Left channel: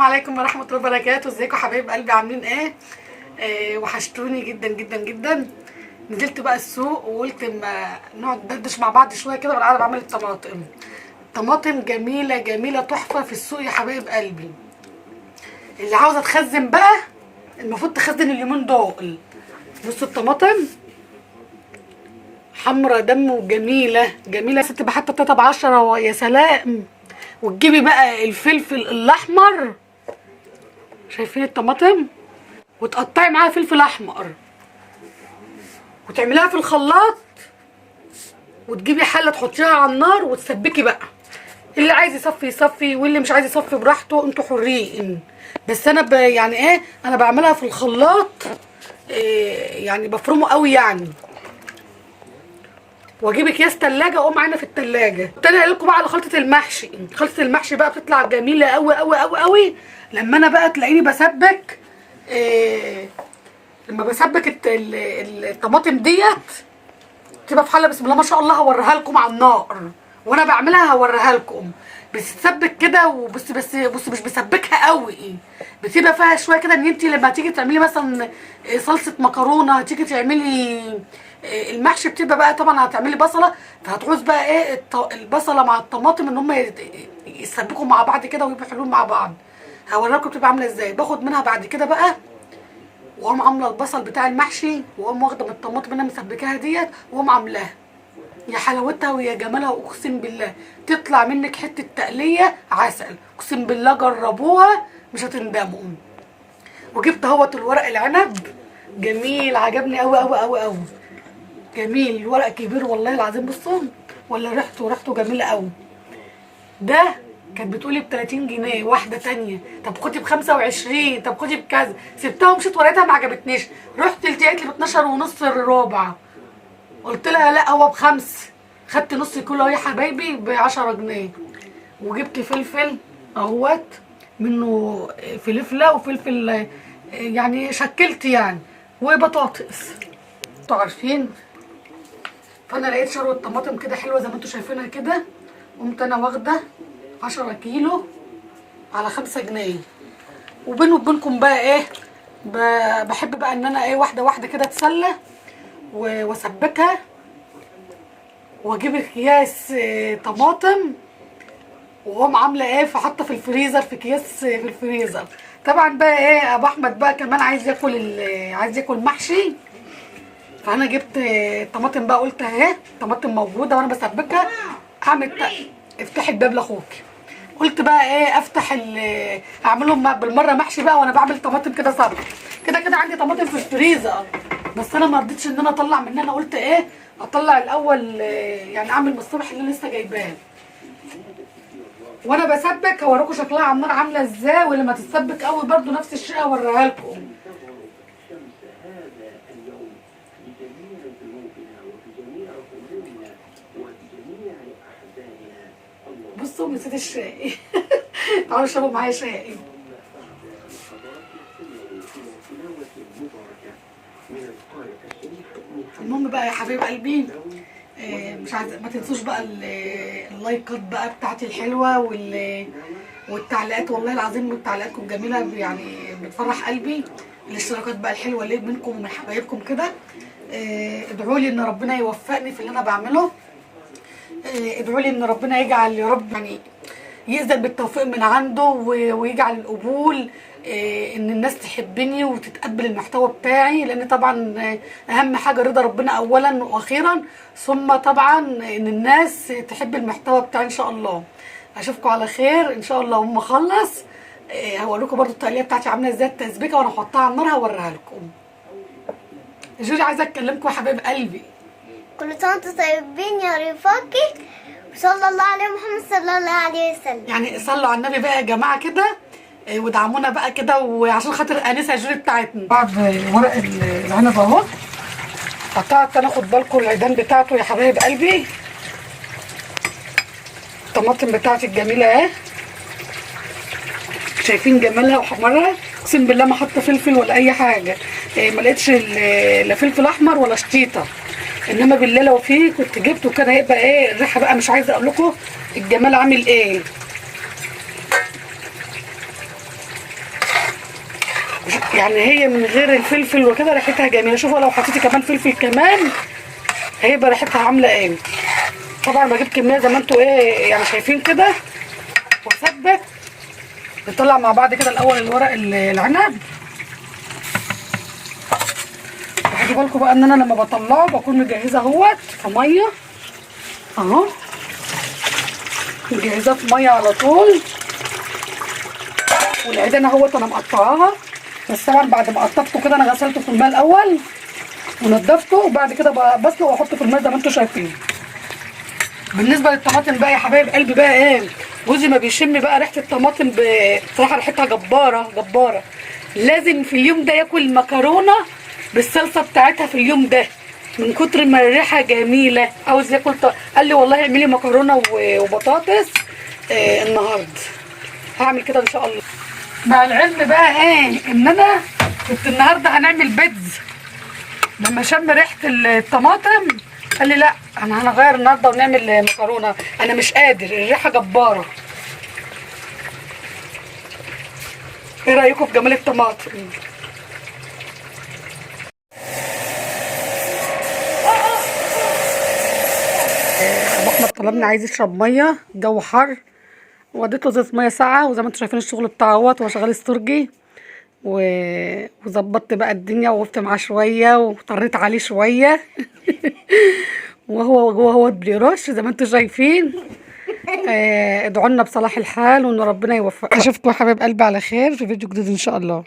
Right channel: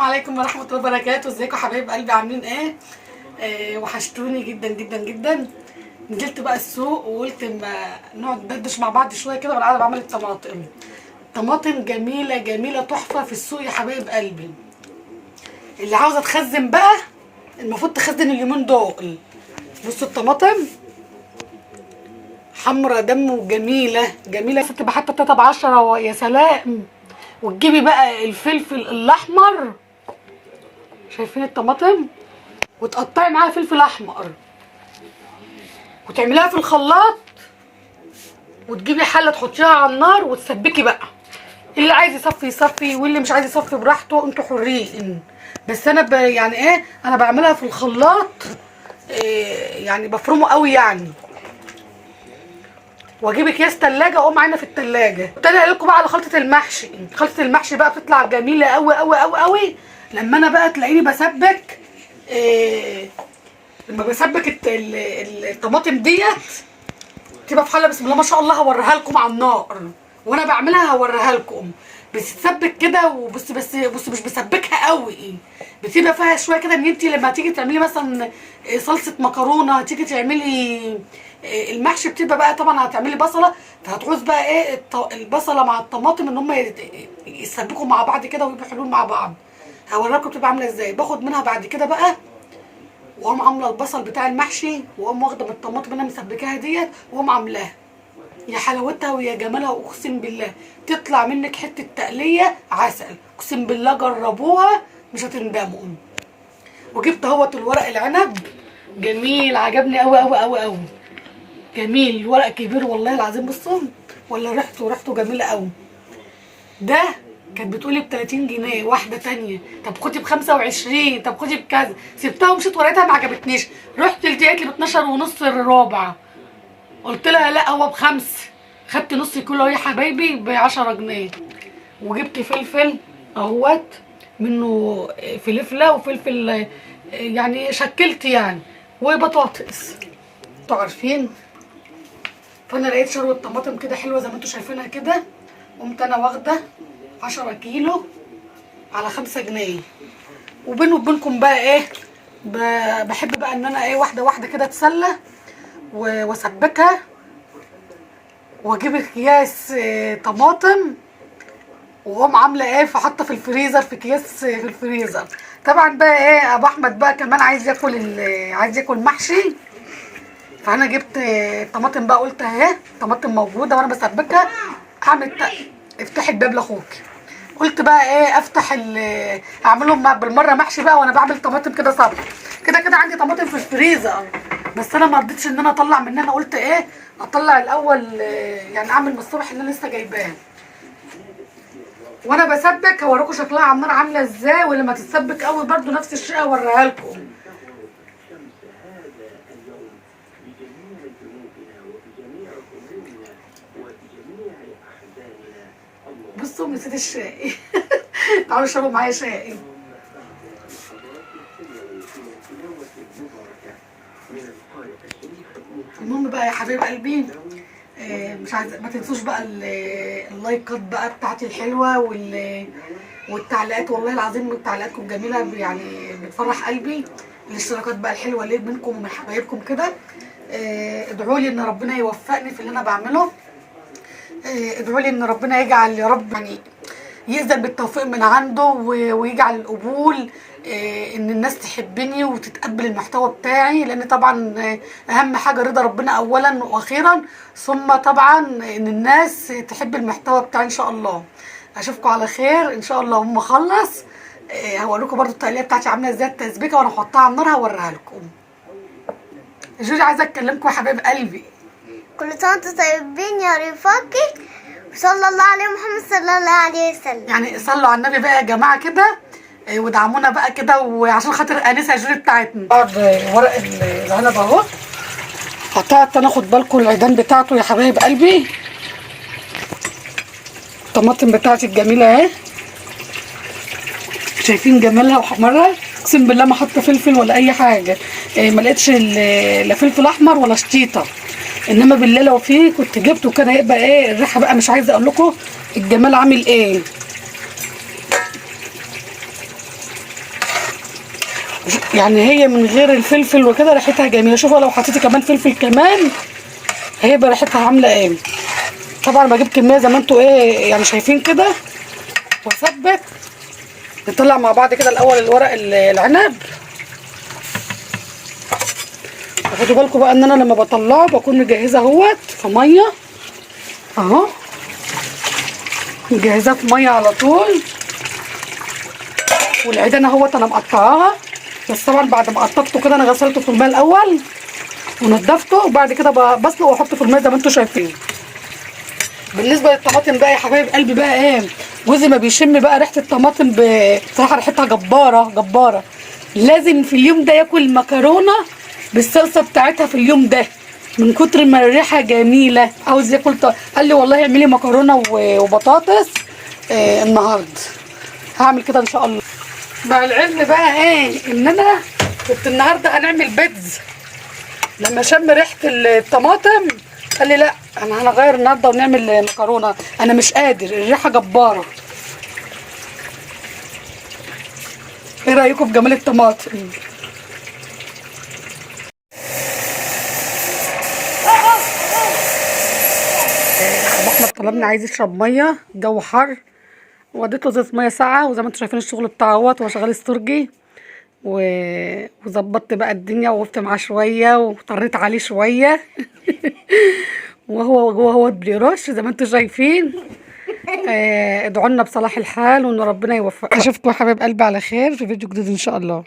السلام عليكم ورحمة الله وبركاته. ازيكم حبايب قلبي، عاملين ايه؟ وحشتوني جدا جدا جدا. نزلت بقى السوق وقلت ما نقعد ندردش مع بعض شويه كده وانا قاعده بعمل الطماطم. الطماطم جميله جميله تحفه في السوق يا حبايب قلبي. اللي عاوزه تخزن بقى المفروض تخزن اليومين دول. بصوا الطماطم حمرا دم وجميله جميله. ستي بحط 3 ب10 يا سلام. وتجيبي بقى الفلفل الاحمر، شايفين الطماطم، وتقطعي معاها فلفل احمر وتعمليها في الخلاط، وتجيبي حله تحطيها على النار وتسبكي بقى. اللي عايز يصفي يصفي واللي مش عايز يصفي براحته، انتوا حرين. بس انا يعني ايه، انا بعملها في الخلاط. يعني بفرمه قوي يعني. واجيب اكياس تلاجه اقوم عينه في التلاجه. ابتدي اقول لكم بقى على خلطه المحشي. خلطه المحشي بقى بتطلع جميله قوي قوي قوي قوي لما انا بقى تلاقيني بسبك. لما بسبك الطماطم ديت تبقى في حله، بسم الله ما شاء الله. هوريها لكم على النار وانا بعملها، هوريها لكم. بس تسبك كده وبص، بص مش بسبكها قوي، بتبقى فيها شويه كده ان انت لما تيجي تعملي مثلا صلصه مكرونه، تيجي تعملي المحشي، بتبقى بقى طبعا هتعملي بصله، فهتعوز بقى ايه البصله مع الطماطم ان هم يسبكوا مع بعض كده ويبقوا حلوين مع بعض. هوريكم بتبقى عامله ازاي. باخد منها بعد كده بقى واقوم عامله البصل بتاع المحشي، واقوم واخده من الطماطم اللي انا مسبكاها ديت واقوم عاملاها. يا حلاوتها ويا جمالها، اقسم بالله تطلع منك حته تقليه عسل. اقسم بالله جربوها مش هتندموا. وجبت اهوت الورق العنب جميل، عجبني قوي قوي قوي قوي. جميل، الورق كبير والله العظيم. بصوا ولا ريحته جميله قوي. ده كانت بتقولي ب30 جنيه واحده تانية، طب خدي ب25، طب خدي بكذا. سبتها ومشيت ورقتها ما عجبتنيش. رحت لقيت لي ب12 ونص الربع. قلت لها لا هو ب5. خدت نص كيلو يا حبايبي ب10 جنيه. وجبت فلفل اهوت منه، فلفله وفلفل يعني شكلت يعني، وبطاطس انتوا عارفين. فانا لقيت شروه طماطم كده حلوه زي ما انتوا شايفينها كده. قمت انا واخده 10 كيلو على 5 جنيه. وبيني وبينكم بقى ايه، بحب بقى ان انا ايه واحده واحده كده اتسلى واسبكها، واجيب اكياس طماطم واقوم عامله ايه، فحاطه في الفريزر، في اكياس في الفريزر. طبعا بقى ايه ابو احمد بقى كمان عايز ياكل محشي. فانا جبت طماطم بقى، قلت اهي طماطم موجوده وانا بسبكها. اعمل افتحي الباب لاخوكي. قلت بقى ايه افتح اعملهم بالمره محشي بقى وانا بعمل طماطم كده صبر. كده كده عندي طماطم في الفريزر، بس انا ما رضيتش ان انا اطلع منها. انا قلت ايه اطلع الاول، يعني اعمل من الصبح اللي انا لسه جايباه. وانا بسبك هوريكم شكلها على النار عامله ازاي. ولما تتسبك قوي برده نفس الشيء هوريها لكم. بصوا نسيت الشاي. تعالوا اشربوا معايا شاي. المهم بقى يا حبايب قلبي، مش عايزه ما تنسوش بقى اللايكات بقى بتاعتي الحلوه والتعليقات. والله العظيم تعليقاتكم جميله يعني بتفرح قلبي. الاشتراكات بقى الحلوه اللي منكم ومن حبايبكم كده. ادعوا لي ان ربنا يوفقني في اللي انا بعمله. ادعوا لي ان ربنا يجعل يا رب يعني يأذن بالتوفيق من عنده، ويجعل القبول، ان الناس تحبني وتتقبل المحتوى بتاعي. لان طبعا اهم حاجه رضا ربنا اولا واخيرا، ثم طبعا ان الناس تحب المحتوى بتاعي. ان شاء الله اشوفكم على خير ان شاء الله. هم اخلص هقول لكم برده التقليه بتاعتي عامله ازاي، التسبيكه وانا هحطها على النار هوريها لكم. جوري عايزه اكلمكم يا حبايب قلبي. كل سنة وانتم طيبين يا رفاقي، وصلى الله عليه محمد صلى الله عليه وسلم. يعني صلوا على النبي بقى يا جماعه كده، ودعمونا بقى كده، وعشان خاطر انسه جوري بتاعتنا. بعد ورق العنب اهو قطعت انا، خد بالكم العيدان بتاعته يا حبايب قلبي. الطماطم بتاعتي الجميله اهي، شايفين جمالها وحمرها. اقسم بالله ما حاطه فلفل ولا اي حاجه. ما لقيتش لا فلفل احمر ولا شطيطه، انما بالله لو فيه كنت جبته. كده هيبقى ايه الريحه بقى، مش عايزه اقول لكم الجمال عامل ايه. يعني هي من غير الفلفل وكده ريحتها جميله. شوفوا لو حطيتي كمان فلفل كمان هيبقى ريحتها عامله ايه. طبعا بجيب كميه زي ما انتوا ايه يعني شايفين كده واثبت. نطلع مع بعض كده الاول الورق العنب. خدوا بالكم بقى ان انا لما بطلعه بكون مجهزه اهوت في ميه اهو، مجهزاه في ميه على طول. والعيدان اهوت انا مقطعاها، بس طبعا بعد ما قطفته كده انا غسلته في الماء الاول ونضفته، وبعد كده بسلق واحطه في الماء زي ما انتم شايفين. بالنسبه للطماطم بقى يا حبايب قلبي بقى ايه، جوزي ما بيشم بقى ريحه الطماطم بصراحه ريحتها جباره جباره. لازم في اليوم ده ياكل مكرونه بالصلصه بتاعتها في اليوم ده من كتر ما الريحه جميله. عاوز ياكل قال لي والله اعملي مكرونه وبطاطس النهارده. هعمل كده ان شاء الله. مع العلم بقى ايه ان انا كنت النهارده هنعمل بيتز، لما شم ريحه الطماطم قال لي لا انا هنغير النهارده ونعمل مكرونه. انا مش قادر، الريحه جباره. ايه رايكم في جمال الطماطم؟ ابو احمد طلبني عايز يشرب ميه، الجو حر، وديت له زيت ميه ساقعه، وزي ما انتم شايفين الشغل بتاعه اهوت. هو شغال استرجي وظبطت بقى الدنيا ووقفت معاه شويه وطريت عليه شويه وهو جوه اهوت بيرش زي ما انتم شايفين. ادعوا لنا بصلاح الحال وان ربنا يوفقنا. اشوفكم يا حبايب قلبي على خير في فيديو جديد ان شاء الله.